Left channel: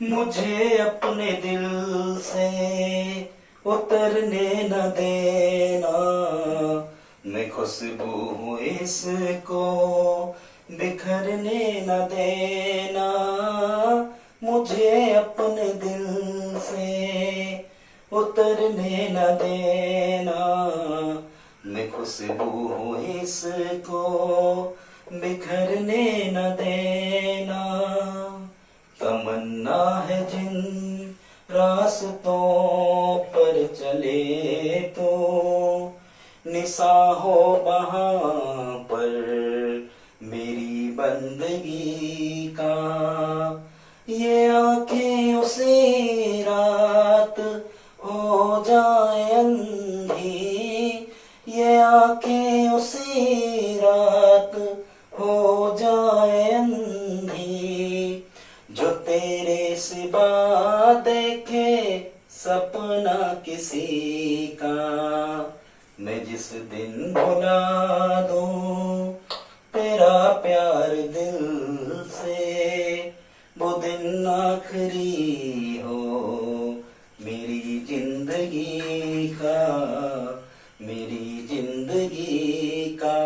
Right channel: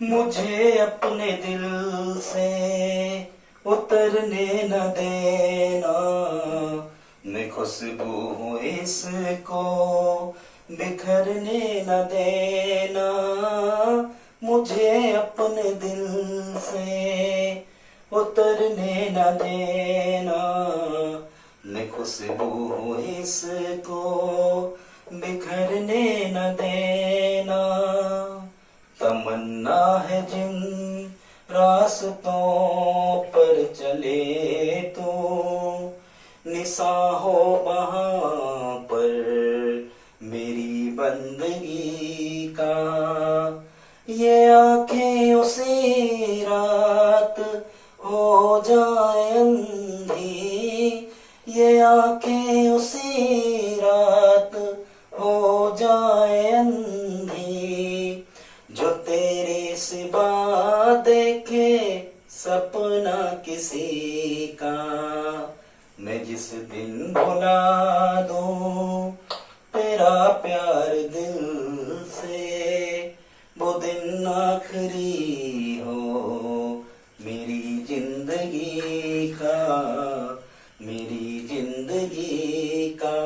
मुझे अपने दिल से उतरने न देना, मैं खुशबू हूँ इसको बिखरने न देना। मुझे अपने दिल से उतरने न देना, मैं खुशबू हूँ इसको बिखरने न देना। तमन्ना है जिन रास्तों पर चले तो निशा हो वहाँ पर मेरी बंदगी का। ये आंखें उसी रात हो जाए अंधी, ये आंखें उसी रात हो जाए अंधी, जो तेरे सिवा देखे सपना किसी का। मैं जिस दिन भुला दूं तेरा प्यार दिल से, वो दिन आखिरी हो मेरी जिंदगी का, मेरी जिंदगी का।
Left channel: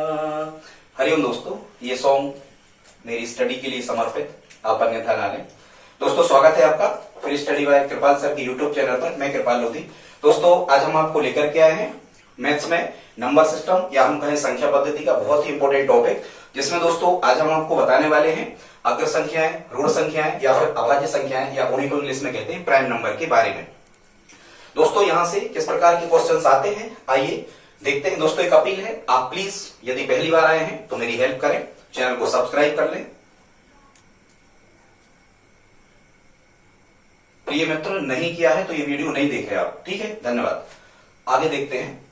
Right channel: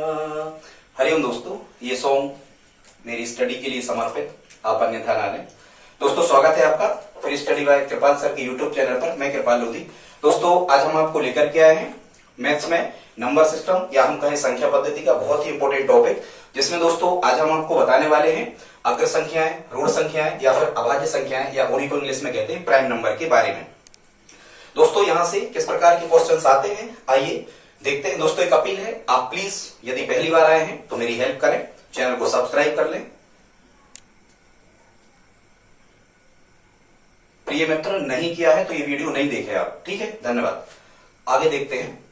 हरिओम दोस्तों, ये सॉन्ग मेरी स्टडी के लिए समर्पित, आप अन्यथा ना लें। दोस्तों स्वागत है आपका free study by Kripal sir की यूट्यूब चैनल पर। मैं कृपाल लोधी। दोस्तों आज हम आपको लेकर के आए हैं मैथ्स में नंबर सिस्टम या हम कहें संख्या पद्धति का बहुत ही इंपॉर्टेंट टॉपिक, जिसमें दोस्तों आज हम आपको बताने वाले हैं अग्र संख्याएं, ऋण संख्याएं या फिर अभाज्य संख्याएं या उन्हीं को इंग्लिश में कहते हैं प्राइम नंबर के बारे में। दोस्तों यहाँ से किस प्रकार के क्वेश्चंस आते हैं आइए देखते हैं। दोस्तों एक अपील है, आप प्लीज यदि पहली बार आए हैं तो मेरी हेल्प करें, चैनल को सब्सक्राइब कर लें। प्रिय मित्र नहीं किया है तो ये वीडियो नहीं देखे आप, ठीक है, धन्यवाद। आगे देखते हैं।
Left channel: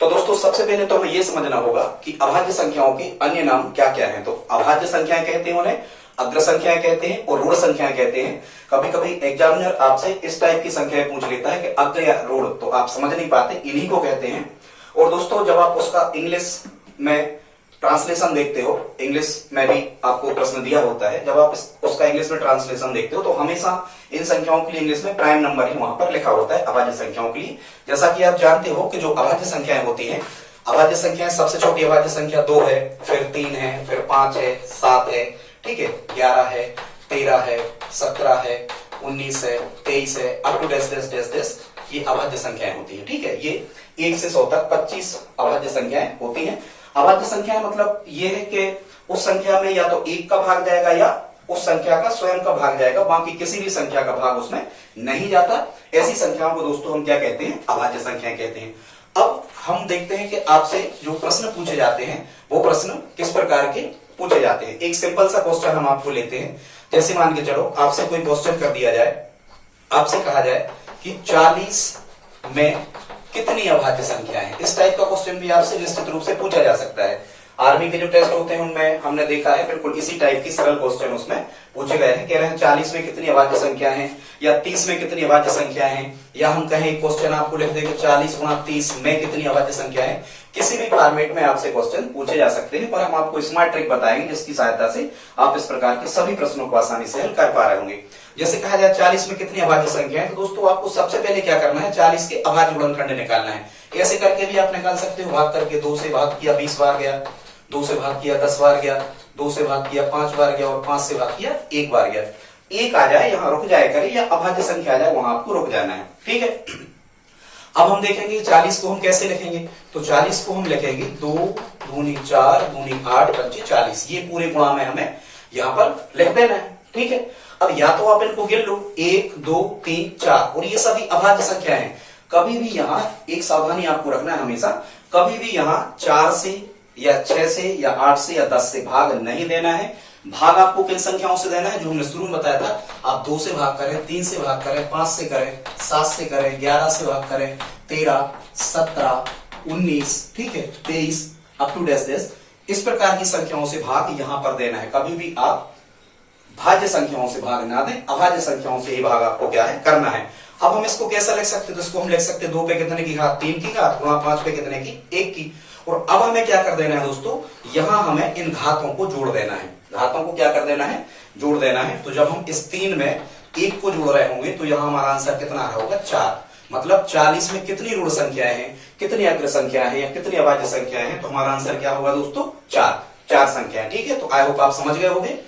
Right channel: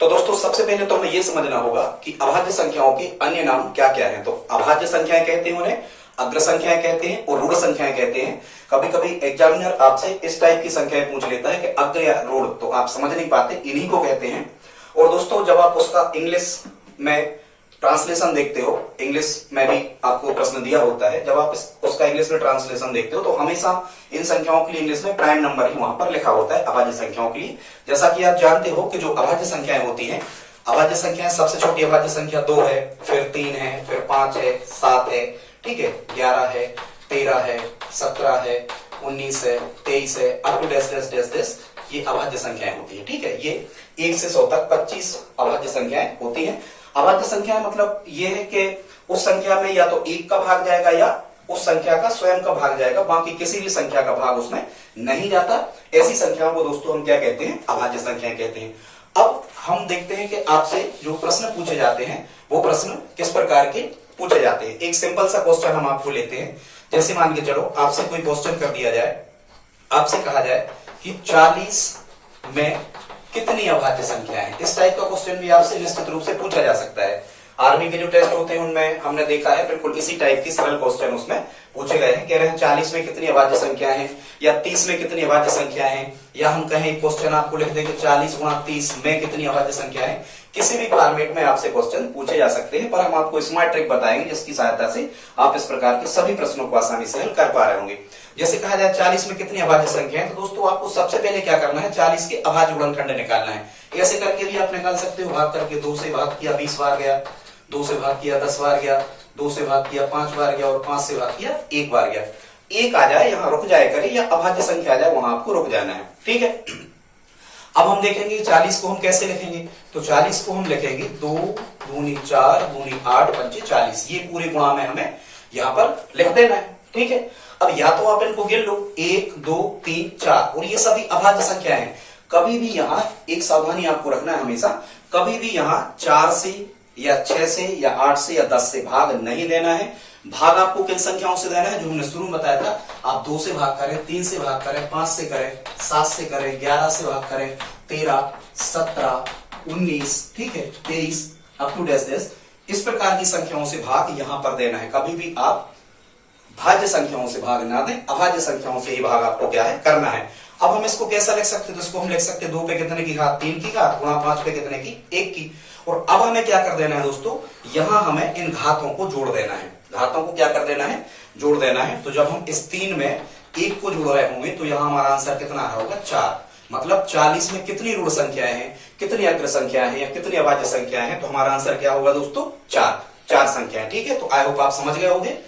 तो दोस्तों सबसे पहले तो हमें यह समझना होगा कि अभाज्य संख्याओं के अन्य नाम क्या क्या हैं। तो अभाज्य संख्याएं कहते हैं उन्हें, अग्र संख्याएं कहते हैं और ऋण संख्याएं कहते हैं। कभी कभी एग्जामिनर आपसे इस टाइप की संख्याएं पूछ लेता है कि अग्र या ऋण, तो आप समझ नहीं पाते, इन्हीं को कहते हैं। और दोस्तों जब आप उसका इंग्लिश में ट्रांसलेशन देखते हो, इंग्लिश में भी आपको प्रश्न दिया होता है, जब आप उसका इंग्लिश में ट्रांसलेशन देखते हो तो हमेशा इन संख्याओं के लिए इंग्लिश में प्राइम नंबर ही वहां पर लिखा होता है अभाज्य संख्याओं के लिए। जैसा कि आप जानते हो कि जो अभाज्य संख्याएं होती हैं, अभाज्य संख्याएं सबसे छोटी अभाज्य संख्या 2 है, फिर 3 है, फिर 5 है, 7 है, ठीक है, 11 है, 13 है, 17 है, 19 है, 23 है, अप टू डेस डेस डेस डेस, ये अभाज्य संख्याएं होती है, ठीक है। ये 1 से 100 तक 25 अभाज्य संख्याएं होती हैं। अभाज्य संख्या मतलब ये है कि उस संख्या में या तो 1 का भाग जाएगा या उस संख्या का स्वयं का भाग जाएगा, बाकी किसी भी संख्या का भाग उसमें नहीं जाता। ऐसी संख्याओं को दोस्तों हम क्या कहते हैं, अभाज्य संख्याएं कहते हैं। अब हम देखते हैं कि आपसे जो प्रश्न पूछे जाते हैं वो प्रश्न किस प्रकार के पूछे जाते हैं। एक सिंपल सा क्वेश्चन हम आपको लेते हैं। जैसे मान के चलो आपसे कोई क्वेश्चन कर दिया जाए, आपसे कहा जाए कि 40 में कितनी अभाज्य संख्याएं हैं। इस टाइप का क्वेश्चन भी आपसे निश्चित रूप से पूछा जा सकता है। आर्मी के जो टेस्ट होते हैं उनमें हमने देखा है बिल्कुल इसी टाइप की सरल क्वेश्चन उसमें पूछे गए हैं। कह रहे हैं 40 में कितनी अभाज्य संख्या है, या 30 में कितनी अभाज्य संख्या है, या हम कहें क्वेश्चन आपको लिख दें कि 40 गुणा 30 में कितनी अभाज्य संख्या है। किसी भी फॉर्मेट में आपसे क्वेश्चन पूछे जा सकते हैं, पर हम आपको स्मार्ट ट्रिक बताएंगे जिसकी सहायता से आप इस प्रकार के सभी प्रश्नों को आसानी से हल कर पा रहे होंगे। जैसे कहा जाए 40 में कितनी अभाज्य संख्या है, तो दोस्तों आपको सबसे पहले क्या करना है, 40 के अभाज्य गुणनखंड निकालना है। ऐसे करके भी आप निकाल सकते हो, भाग करके 2 से भाग किया 20 बार गया, 2 से भाग किया 10 बार गया, 2 से भाग किया 5 बार गया और 5 से भाग किया 1 बार गया। 1 आ जाए यहाँ रुक जाए करे, या अभाज्य संख्या आ जाए वहां आपको रुक जाना है, ठीक है। अब हम देखेंगे 40 को हम कैसे लिखेंगे। तो 40 को हम लिखेंगे 2 दूनी 4 दूनी 8 पंचे 40, ये पूरे गुणा में हमें यहाँ पर लिख देना है, ठीक है। अब या तो आप इनको गिन लो 1 2 3 4, और ये सभी अभाज्य संख्या है। कभी भी यहाँ एक सावधानी आपको रखना है हमेशा, कभी भी यहाँ 4 से या 6 से या 8 से या 10 से भाग नहीं देना है। भाग आपको किन संख्याओं से देना है, जो हमने शुरू में बताया था। आप 2 से भाग करें, 3 से भाग करें, 5 से करें, 7 से करें, 11 से भाग करें, 13 17 19, ठीक है, 23 अप टू डेस डेस, इस प्रकार की संख्याओं से भाग यहां पर देना है। कभी भी आप भाज्य संख्याओं से भाग ना दें, अभाज्य संख्याओं से ही भाग आपको क्या है करना है। अब हम इसको कैसा लिख सकते हैं, तो इसको हम लिख सकते हैं 2 पे कितने की घात 3 की घात गुणा 5 पे कितने की 1 की। और अब हमें क्या कर देना है दोस्तों, यहां हमें इन घातों को जोड़ देना है। घातों को क्या कर देना है, जोड़ देना है। तो जब हम इस 3 में 1 को जोड़ रहे होंगे तो यहां हमारा आंसर कितना आ रहा होगा 4। मतलब 40 में कितनी ऋण संख्याएं हैं, कितनी अग्र संख्याएं हैं या कितनी अभाज्य संख्याएं हैं, तो हमारा आंसर क्या होगा दोस्तों 4 संख्याएं। ठीक है, तो आई होप आप समझ गए होंगे।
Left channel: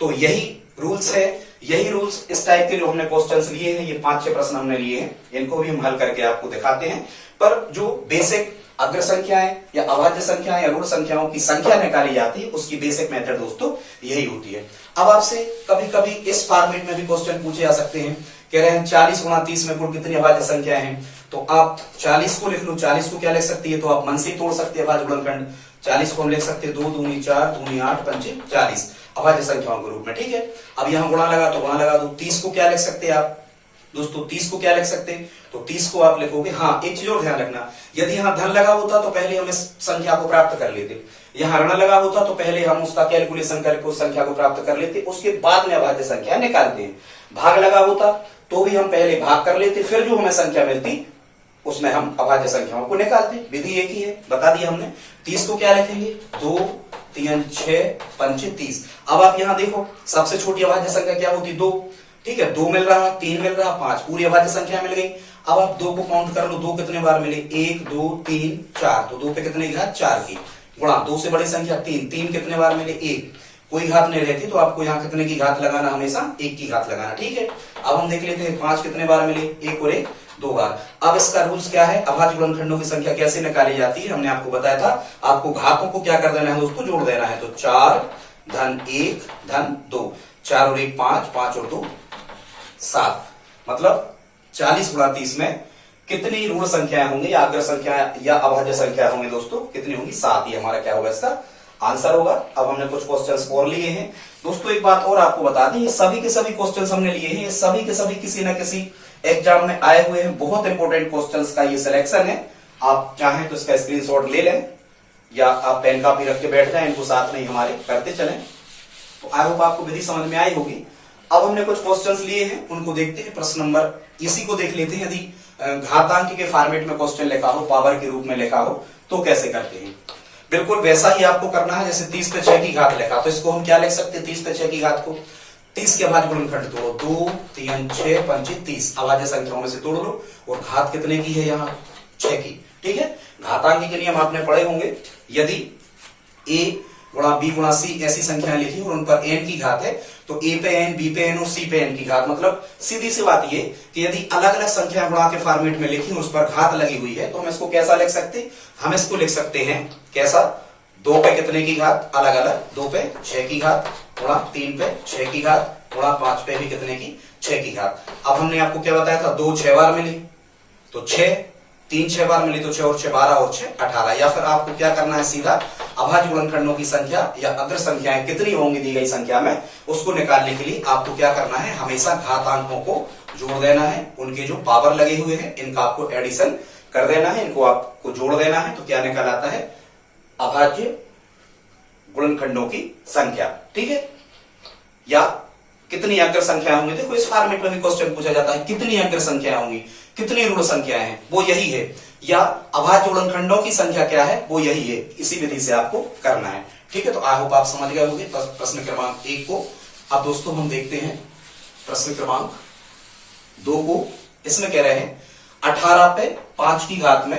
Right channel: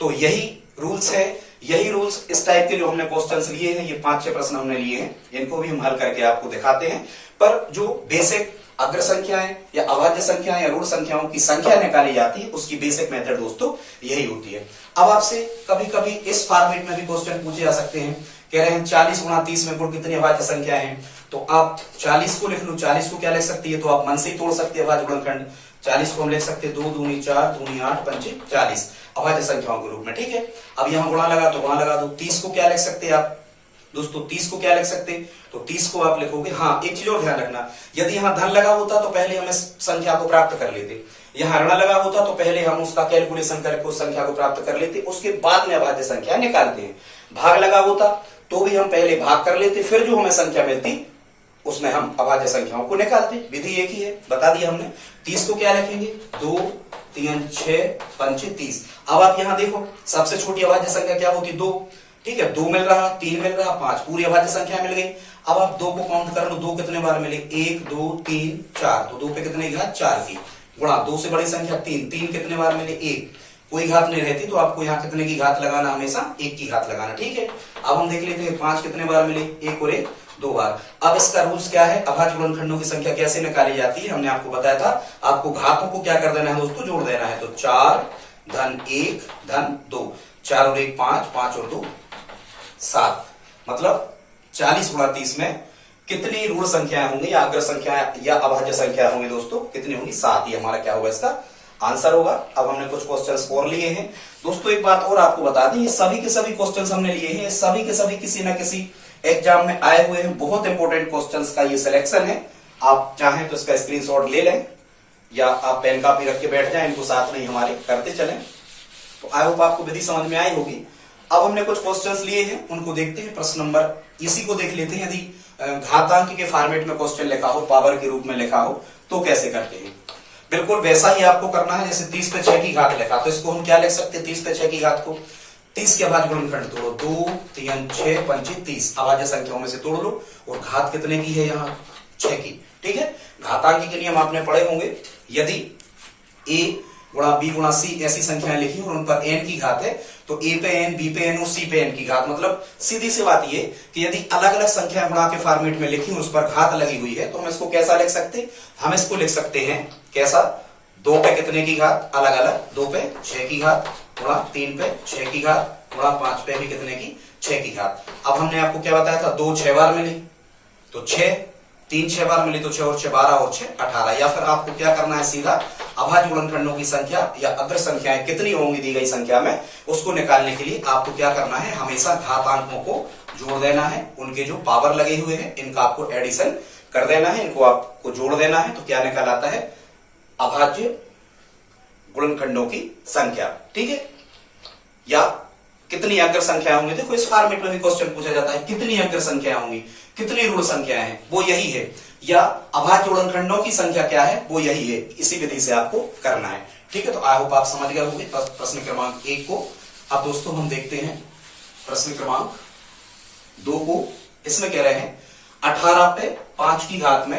तो यही रूल्स है, यही रूल्स इस टाइप के जो हमने क्वेश्चंस लिए हैं, ये 5-6 प्रश्न हमने लिए हैं, इनको भी हम हल करके आपको दिखाते हैं। पर जो बेसिक अग्र संख्याएं या अभाज्य संख्याएं या ऋण संख्याओं की संख्या निकाली जाती है उसकी बेसिक मेथड दोस्तों यही होती है। अब आपसे कभी कभी इस फॉर्मेट में भी क्वेश्चन पूछे जा सकते हैं, कह रहे हैं 40 गुणा 30 में कुल कितनी अभाज्य संख्याएं हैं, तो आप 40 को लिख लो। 40 को क्या लिख सकती है, तो आप मन से तोड़ सकते हैं अभाज्य गुणनखंड। 40 को हम लिख सकते हैं 2 दूनी 4 दूनी 8 पंचे 40 अभाज्य संख्याओं के रूप में। ठीक है, अब यहां गुणा लगा तो गुणा लगा दो। 30 को क्या लिख सकते हैं आप दोस्तों, 30 को क्या लिख सकते हैं, तो 30 को आप लिखोगे। हाँ, एक चीज और ध्यान रखना, यदि यहां धन लगा होता तो पहले हम इस संख्या को प्राप्त कर लेते, यहां ऋण लगा होता तो पहले हम उसका कैलकुलेशन करके उस संख्या को प्राप्त कर लेते, उसके बाद में अभाज्य संख्या निकालते हैं। भाग लगा होता तो भी हम पहले भाग कर लेते, फिर जो हमें संख्या मिलती उसमें हम अभाज्य संख्याओं को निकालते। विधि एक ही है, बता दिया हमने। 30 को क्या लिखेंगे, 2 3 6 पंचे 30। अब आप यहां देखो, सबसे छोटी अभाज्य संख्या क्या होती, 2। ठीक है, 2 मिल रहा, 3 मिल रहा, 5, पूरी अभाज्य संख्या मिल गई। अब आप 2 को काउंट कर लो, 2 कितने बार मिले, 1 2 3 4, तो 2 पे कितने घात 4 की, गुणा 2 से बड़ी संख्या 3, 3 कितने बार मिले 1, कोई घात नहीं रहती तो आपको यहाँ कितने की घात लगाना, हमेशा 1 की घात लगाना। ठीक है, अब हम देख लेते हैं 5 कितने बार मिले, 1 और 1 2 बार। अब इसका रूल्स क्या है, अभाज्य गुणनखंडों की संख्या कैसे निकाली जाती है, हमने आपको बताया था। आपको घातों को क्या कर देना है दोस्तों, जोड़ देना है। तो 4 धन 1 धन 2, 4 और 1 5, 5 और 2 7, मतलब 40 गुणा 30 में कितनी ऋण संख्याएं होंगी या अग्र संख्या या अभाज्य संख्या होंगी दोस्तों, कितनी होंगी, 7। ये हमारा क्या होगा, इसका आंसर होगा। अब हमने कुछ क्वेश्चंस और लिए हैं दोस्तों। एक बात और आपको बता दें, ये सभी के सभी क्वेश्चंस हमने लिए हैं, ये सभी के सभी किसी न किसी एग्जाम में आए हुए हैं। बहुत इंपॉर्टेंट क्वेश्चंस का ये सिलेक्शन है। आप चाहें तो इसका स्क्रीनशॉट ले लें या आप पेन कॉपी रख के बैठ जाएं, इनको साथ में हमारे करते चलें। तो आई होप आपको विधि समझ में आई होगी। अब हमने कुछ क्वेश्चंस लिए हैं, उनको देखते हैं। प्रश्न नंबर इसी को देख लेते हैं। यदि घातांक के फॉर्मेट में क्वेश्चन लिखा हो, पावर के रूप में लिखा हो, तो कैसे करते हैं। बिल्कुल वैसा ही आपको करना है। जैसे 30 पे 6 की घात लिखा, तो इसको हम क्या लिख सकते हैं, 30 पे 6 की घात को 30 के अभाज्य गुणनखंड तोड़ो, 2 3 6 पंचे 30, अभाज्य संख्याओं में से तोड़ लो और घात कितने की है, यहाँ 6 की। ठीक है, घातांक के नियम आपने पढ़े होंगे। यदि a गुणा b गुणा c ऐसी संख्याएं लिखी और उन पर n की घात है, तो a पे n, b पे n और c पे n की घात। मतलब सीधी सी बात ये कि यदि अलग अलग संख्या गुणा के फॉर्मेट में लिखी, उस पर घात लगी हुई है, तो हम इसको कैसा लिख सकते हैं, हम इसको लिख सकते हैं कैसा, 2 पे कितने की घात अलग अलग, 2 पे 6 की घात गुणा 3 पे 6 की घात गुणा 5 पे भी कितने की 6 की घात। अब हमने आपको क्या बताया था, 2 6 बार मिली तो 6, 3 6 बार मिली तो 6 और 6 12 और 6 18। या फिर आपको क्या करना है, सीधा अभाज्य गुणनखंडों की संख्या या अग्र संख्याएं कितनी होंगी दी गई संख्या में, उसको निकालने के लिए आपको क्या करना है, हमेशा घातांकों को जोड़ देना है। उनके जो पावर लगे हुए हैं इनका आपको एडिशन कर देना है, इनको आपको जोड़ देना है। तो क्या निकल आता है, अभाज्य गुणनखंडों की संख्या। ठीक है, या कितनी अग्र संख्याएं होंगी। देखो इस फॉर्मेट में भी क्वेश्चन पूछा जाता है, कितनी अग्र संख्याएं होंगी, कितनी ऋण संख्याएं हैं, वो यही है। या अभाज्य गुणनखंडों की संख्या क्या है, वो यही है। इसी विधि से आपको करना है। ठीक है, तो आई होप आप समझ गए होंगे प्रश्न क्रमांक 1 को। अब दोस्तों हम देखते हैं प्रश्न क्रमांक 2 को। इसमें कह रहे हैं 18 पे 5 की घात में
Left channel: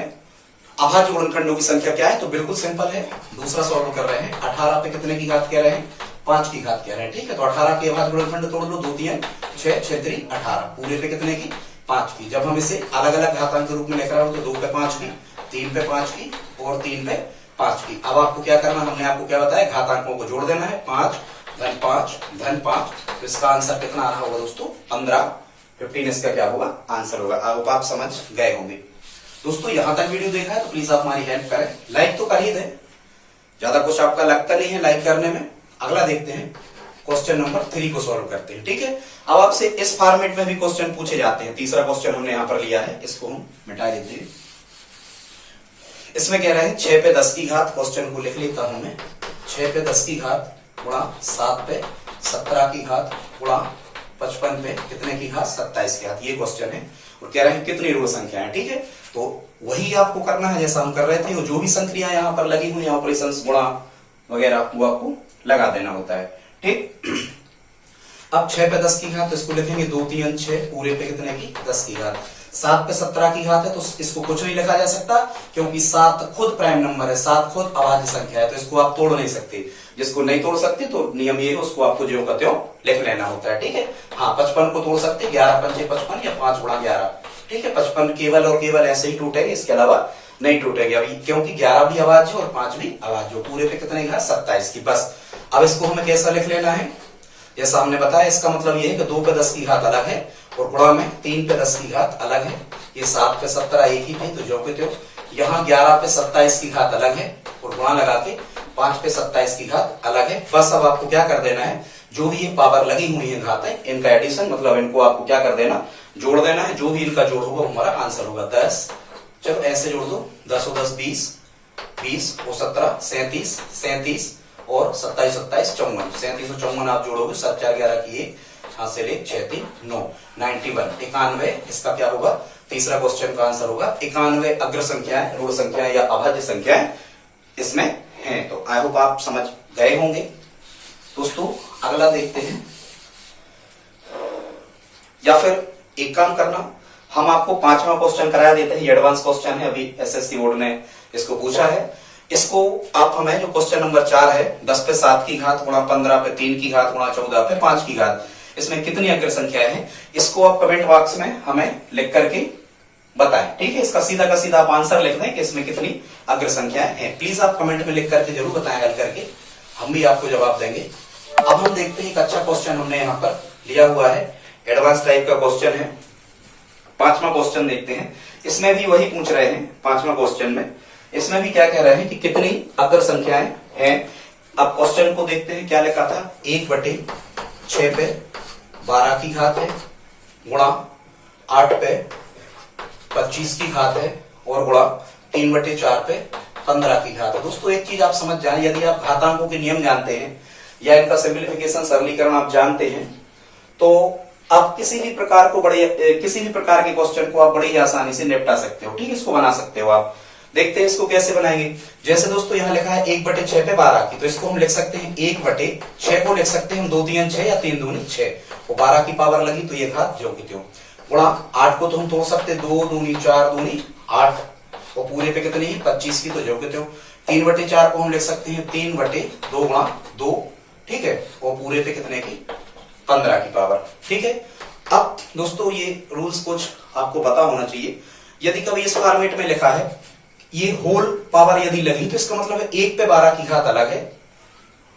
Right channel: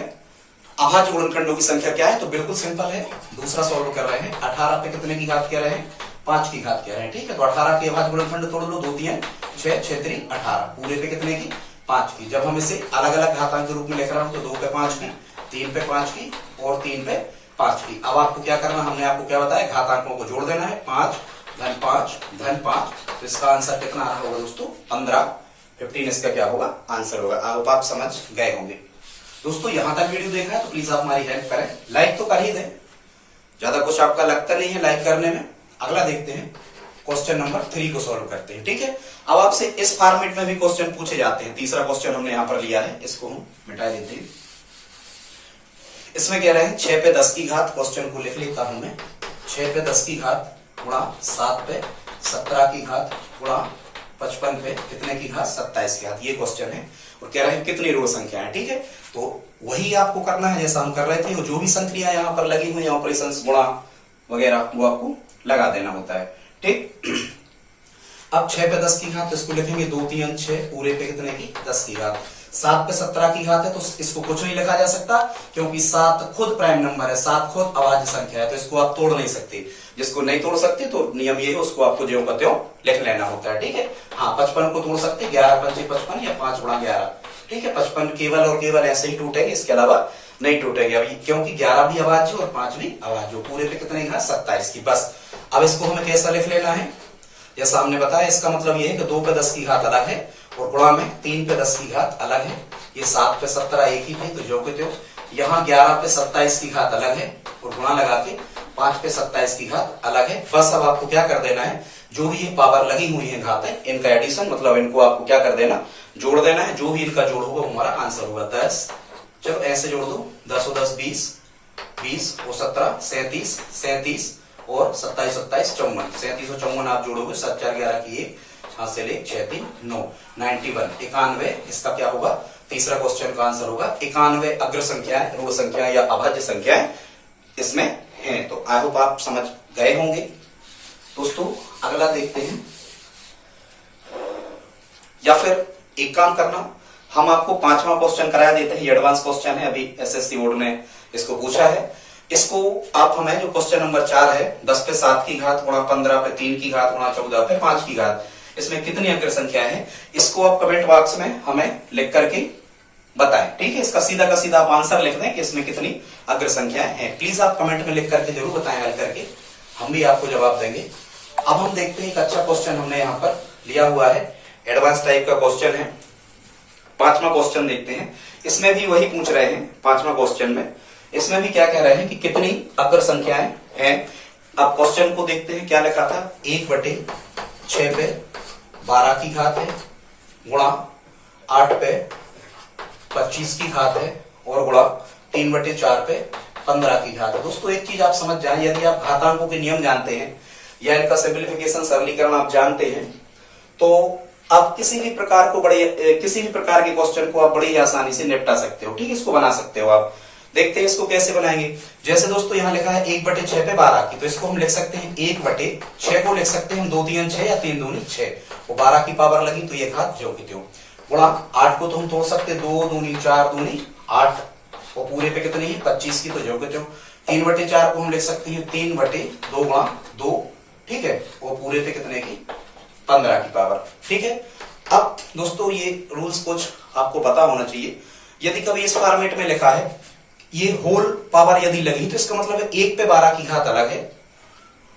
अभाज्य गुणनखंडों की संख्या क्या है, तो बिल्कुल सिंपल है। दूसरा सॉल्व कर रहे हैं। 18 पे कितने की घात कह रहे हैं, 5 की घात कह रहे हैं। ठीक है, तो 18 के अभाज्य गुणनखंड तोड़ लो, 2 3 6 6 3 18, पूरे पे कितने की 5 की। जब हम इसे अलग अलग घातांक के रूप में लिख रहा हूं तो 2 पे 5 की, 3 पे 5 की और 3 पे 5 की। अब आपको क्या करना, हमने आपको क्या बताया, घातांकों को जोड़ देना है। 5 धन 5 धन 5, तो इसका आंसर कितना आ रहा होगा दोस्तों, 15 इसका क्या होगा, आंसर होगा। अब आप समझ गए होंगे दोस्तों। यहां तक वीडियो देखा है तो प्लीज आप हमारी हेल्प करें, लाइक तो कर ही दें। ज्यादा कुछ आपका लगता नहीं है लाइक करने में। अगला देखते हैं, क्वेश्चन नंबर 3 को सॉल्व करते हैं। ठीक है, अब आपसे इस फॉर्मेट में भी क्वेश्चन पूछे जाते हैं। तीसरा क्वेश्चन हमने यहां पर लिया है, इसको हम मिटा देते हैं। इसमें कह रहे हैं 6 पे 10 की घात, क्वेश्चन को लिख लेता हूं मैं। 6 पे 10 की घात गुणा 7 पे 17 की घात गुणा 55 पे कितने की घात 27 की घात, ये क्वेश्चन है। और कह रहे हैं कितनी ऋण संख्या है। ठीक है, तो वही आपको करना है जैसा हम कर रहे थे। वो जो भी संख्या यहाँ पर लगी हुई ऑपरेशन गुणा वगैरह, वो आपको लगा देना होता है। ठीक, अब 6 पे 10 की घात, तो इसको लिखेंगे 2 3 6 पूरे पे कितने की 10 की घात। 7 पे 17 की घात है, तो इसको कुछ नहीं लिखा जा सकता क्योंकि 7 खुद प्राइम नंबर है, 7 खुद अभाज्य संख्या है, तो इसको आप तोड़ नहीं सकते। जिसको नहीं तोड़ सकते तो नियम ये है, उसको आपको ज्यों का त्यों लिख लेना होता है, ठीक है। हाँ 55 को तोड़ सकते, 11 पंजे 55 या 5 गुणा 11, ठीक है। 55 केवल और केवल ऐसे ही टूटेगी, इसके अलावा नहीं टूटेगी अभी, क्योंकि 11 भी अभाज्य और 5 भी अभाज्य। पूरे पे कितने घात 27 की। बस अब इसको हमें कैसा लिख लेना है, जैसा हमने बताया, इसका मतलब ये है कि 2 पे 10 की घात अलग है और गुणा में 3 पे 10 की घात अलग है। ये 7 पे 17 एक ही थे, तो जो के त्यों। यहाँ 11 पे 27 की घात अलग है और गुणा लगा के 5 पे 27 की घात अलग है। बस अब आपको क्या कर देना है, जो भी ये पावर लगी हुई है घात है, इनका एडिशन, मतलब इनको आपको क्या कर देना, जोड़ देना है। जो भी इनका जोड़ होगा हमारा आंसर होगा 10। चलो ऐसे जोड़ दो, 10 और 10 20, 20 और 17 37, 37 और 27 27 54, 37 और 54 आप जोड़ोगे, 7 4 11 की 1, हाथ से ले 6 3 9, 91 91। इसका क्या होगा, तीसरा क्वेश्चन का आंसर होगा 91 अग्र संख्याएं, ऋण संख्याएं या अभाज्य संख्याएं इसमें हैं। तो आई होप आप समझ गए होंगे। दोस्तों अगला देखते हैं, या फिर एक काम करना, हम आपको 5वां क्वेश्चन कराया देते हैं। एडवांस क्वेश्चन है, अभी एसएससी बोर्ड ने इसको पूछा है। इसको आप हमें, जो क्वेश्चन नंबर 4 है, 10 पे 7 की घात गुणा 15 पे 3 की घात गुणा 14 पे 5 की घात, इसमें कितनी अग्र संख्याएं हैं, इसको आप कमेंट बॉक्स में हमें लिख करके बताएं, ठीक है। इसका सीधा का सीधा आप आंसर लिख दें कि इसमें कितनी अग्र संख्याएं हैं। प्लीज आप कमेंट में लिख करके जरूर बताएं, हल करके हम भी आपको जवाब देंगे। अब हम देखते हैं एक अच्छा क्वेश्चन हमने यहाँ पर लिया हुआ है, एडवांस टाइप का क्वेश्चन है। 5वां क्वेश्चन देखते हैं, इसमें भी वही पूछ रहे हैं। 5वां क्वेश्चन में इसमें भी क्या कह रहे हैं कि कितनी अग्र संख्याएं हैं। अब क्वेश्चन को देखते हैं, क्या लिखा था, 1/6 पे 12 की घात है गुणा 8 पे 25 की घात है और गुणा 3/4 पे 15 की घात है। दोस्तों एक चीज आप समझ जाए, यदि आप घातांकों के नियम जानते हैं या इनका सिंप्लीफिकेशन सरलीकरण आप जानते हैं, तो आप किसी भी प्रकार के क्वेश्चन को आप बड़ी ही आसानी से निपटा सकते हो, ठीक है। इसको बना सकते हो आप। देखते हैं इसको कैसे बनाएंगे। जैसे दोस्तों यहाँ लिखा है 1/6 पे 12 की, तो इसको हम लिख सकते हैं 1/6 को लिख सकते हैं हम 2 3 6 या 3 दूनी 6, वो 12 की पावर लगी तो ये घात ज्यों की त्यों। गुणा 8 को तो हम तोड़ सकते हैं, 2 दूनी 4 दूनी 8, और पूरे पे कितनी है 25 की, तो ज्यों की त्यों। 3/4 को हम लिख सकते हैं 3/2 गुणा 2, ठीक है, और पूरे पे कितने की 15 की पावर, ठीक है। अब दोस्तों ये रूल्स कुछ आपको पता होना चाहिए। यदि कभी इस फॉर्मेट में लिखा है, ये होल पावर यदि लगी, तो इसका मतलब है 1 पे 12 की घात अलग है,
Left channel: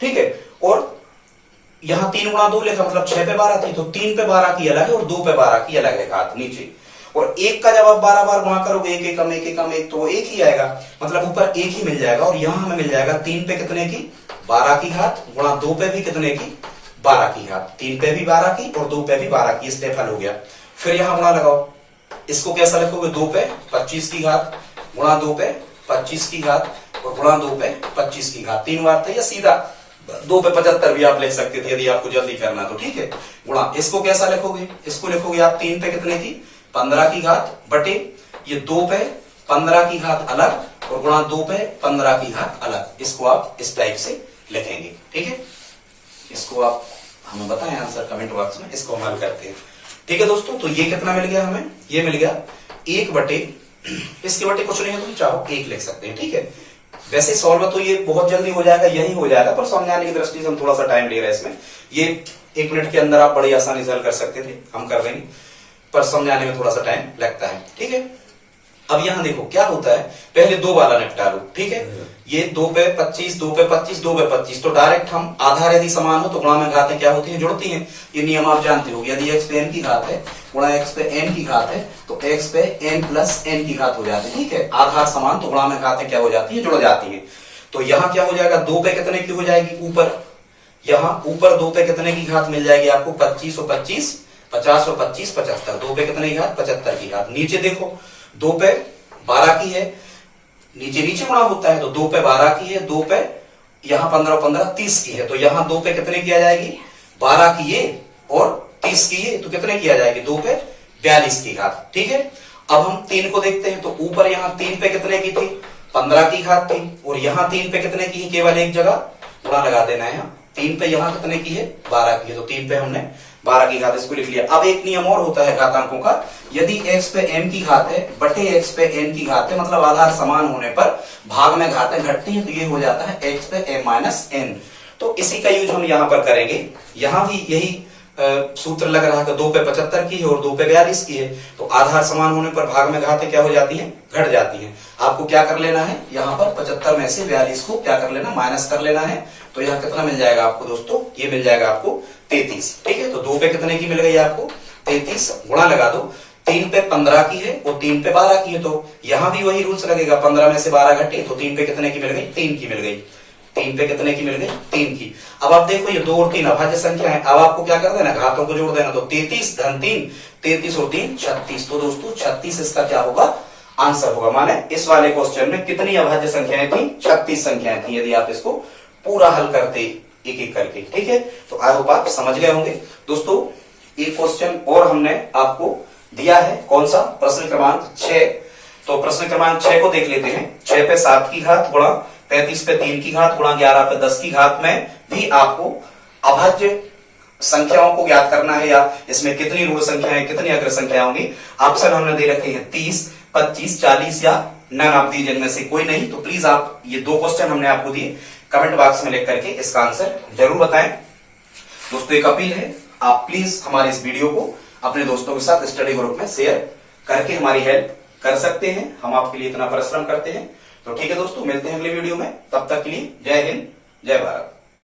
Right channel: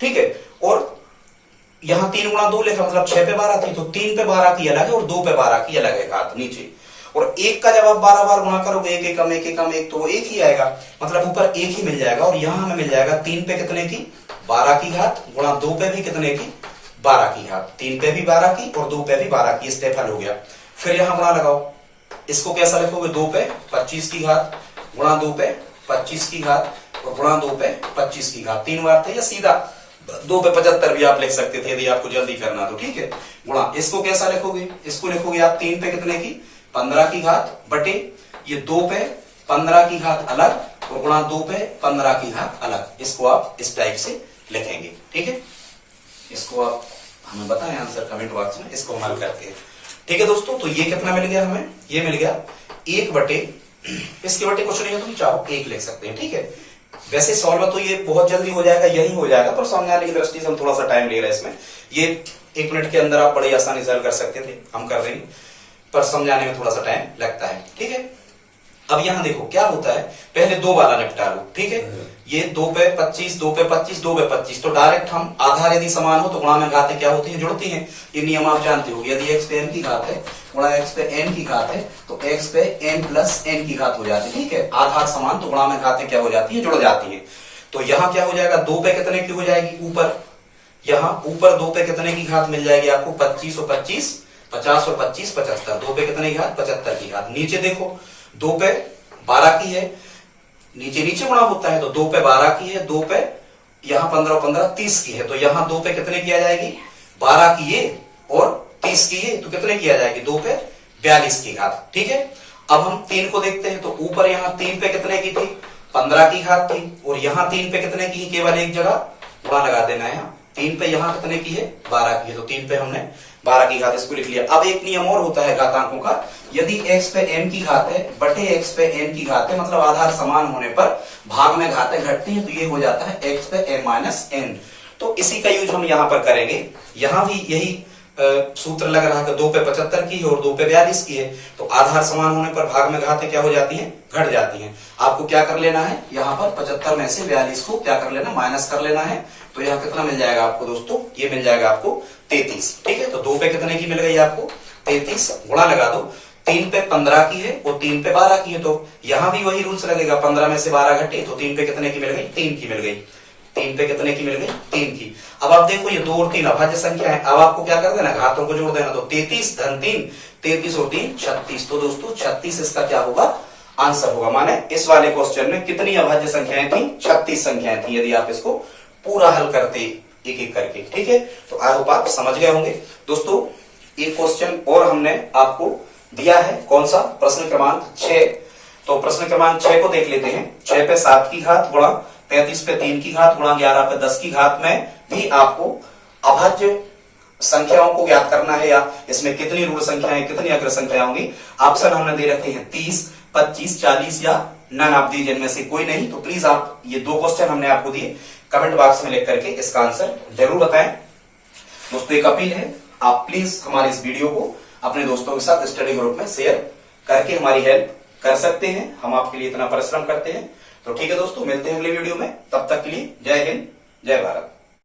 ठीक है। और यहां 3 गुणा 2 लिखा, मतलब 6 पे 12 थी, तो 3 पे 12 की अलग है और 2 पे 12 की अलग है घात नीचे। और 1 का जब आप 12 बार गुणा करोगे, एक एकम एक एकम एक, तो वो एक ही आएगा, मतलब ऊपर एक ही मिल जाएगा। और यहां हमें मिल जाएगा 3 पे कितने की 12 की घात गुणा 2 पे भी कितने की 12 की घात, 3 पे भी 12 की और 2 पे भी 12 की, स्टेप हल हो गया। फिर यहां गुणा लगाओ, इसको कैसा लिखोगे, 2 पे 25 की घात गुणा 2 पे 25 की घात और गुणा 2 पे 25 की घात, 3 बार थे, या सीधा 2 पे 75 भी आप लिख सकते थे यदि आपको जल्दी करना तो, ठीक है। गुणा इसको कैसा लिखोगे, इसको लिखोगे आप 3 पे कितने की 15 की घात बटे ये 2 पे 15 की घात अलग और गुणा 2 पे 15 की घात अलग। इसको आप इस टाइप से लिखेंगे, ठीक है। इसको आप हमें बताएं आंसर कमेंट बॉक्स में, इसको हम हल करते हैं, ठीक है दोस्तों। तो ये कितना मिल गया हमें, ये मिल गया 1 बटे, इसके बटे कुछ नहीं है, तुम चाहो 1 लिख सकते हैं, ठीक है। वैसे सॉल्व तो ये बहुत जल्दी हो जाएगा, यही हो जाएगा, पर समझाने की दृष्टि से हम थोड़ा सा टाइम ले रहे हैं इसमें। ये 1 मिनट के अंदर आप बड़ी आसानी से हल कर सकते थे, हम कर देंगे, पर समझाने में थोड़ा सा टाइम लगता है, ठीक है। अब यहां देखो क्या होता है, पहले 2 वाला निपटा लो, ठीक है। ये 2 पे 25, 2 पे 25, 2 पे 25, तो डायरेक्ट हम आधार यदि समान हो तो गुणा में घातें क्या होती हैं, जुड़ती हैं। ये नियम आप जानते हो। यदि x पे n की घात है गुणा x पे n की घात है, तो x पे n प्लस n की घात हो जाती है, ठीक है। आधार समान तो गुणा में घातें क्या हो जाती है, जुड़ जाती है। तो यहाँ क्या हो जाएगा, 2 पे कितने की हो जाएगी ऊपर, यहाँ ऊपर 2 पे कितने की घात मिल जाएगी आपको, 25 और 25 50 और 25 75, 2 पे कितने की घात 75 की घात। नीचे देखो 2 पे 12 की है, नीचे नीचे गुणा होता है, तो 2 पे 12 की है, 2 पे यहाँ 15 और 15 30 की है, तो यहाँ 2 पे कितने की आ जाएगी 12 की ये और 30 की ये, तो कितने की आ जाएगी 2 पे 42 की घात, ठीक है। अब हम 3 को देखते हैं, तो ऊपर यहाँ 3 पे कितने की थी 15 की घात थी और यहाँ 3 पे कितने की, केवल एक जगह गुणा लगा देना है, यहाँ 3 पे यहाँ कितने की है, 12 की है, तो 3 पे हमने 12 की घात इसको लिख लिया। अब एक नियम और होता है घातांकों का, यदि x पे m की घात है बटे x पे n की घात है, मतलब आधार समान होने पर भाग में घातें घटती हैं, तो ये हो जाता है x पे m माइनस n। तो इसी का यूज हम यहाँ पर करेंगे। यहाँ भी यही सूत्र लग रहा है कि 2 पे 75 की है और 2 पे 42 की है, तो आधार समान होने पर भाग में घातें क्या हो जाती हैं, घट जाती हैं। आपको क्या कर लेना है, यहाँ पर 75 में से 42 को क्या कर लेना, माइनस कर लेना है। तो यहाँ कितना मिल जाएगा आपको दोस्तों, ये मिल जाएगा आपको 33। ठीक है, तो 2 पे कितने की मिल गई आपको, 33, गुणा लगा दो। 3 पे 15 की है और 3 पे 12 की है, तो यहाँ भी वही रूल्स लगेगा, 15 में से 12 घटे तो 3 पे कितने की मिल गई, 3 की मिल गई। 3 पे कितने की मिल गई, 3 की। अब आप देखो ये 2 और 3 अभाज्य संख्या है, अब आपको क्या कर देना, घातों को जोड़ देना। तो 33 धन 3, 33 और 3 36। तो दोस्तों 36 इसका क्या होगा, आंसर होगा। माने इस वाले क्वेश्चन में कितनी अभाज्य संख्याएं थी, 36 संख्याएं थी, यदि आप इसको पूरा हल करते एक एक करके। ठीक है, तो आई होप आप समझ गए होंगे। दोस्तों ये क्वेश्चन और हमने आपको दिया है, कौन सा, प्रश्न क्रमांक 6। तो प्रश्न क्रमांक 6 को देख लेते हैं। 6 पे 7 की घात गुणा 35 पे 3 की घात गुणा 11 पे 10 की घात में भी आपको अभाज्य संख्याओं को ज्ञात करना है, या इसमें कितनी ऋण संख्याएं कितनी अग्र संख्या होंगी। ऑप्शन हमने दे रखे हैं 30, 25, 40 या नन ऑफ दीज, इनमें से कोई नहीं। तो प्लीज आप ये 2 क्वेश्चन हमने आपको दिए, कमेंट बॉक्स में लिख करके इसका आंसर जरूर बताएं। दोस्तों एक अपील है, आप प्लीज हमारे इस वीडियो को अपने दोस्तों के साथ स्टडी ग्रुप में शेयर करके हमारी हेल्प कर सकते हैं, हम आपके लिए इतना परिश्रम करते हैं। तो ठीक है दोस्तों, मिलते हैं अगले वीडियो में, तब तक के लिए जय हिंद, जय भारत।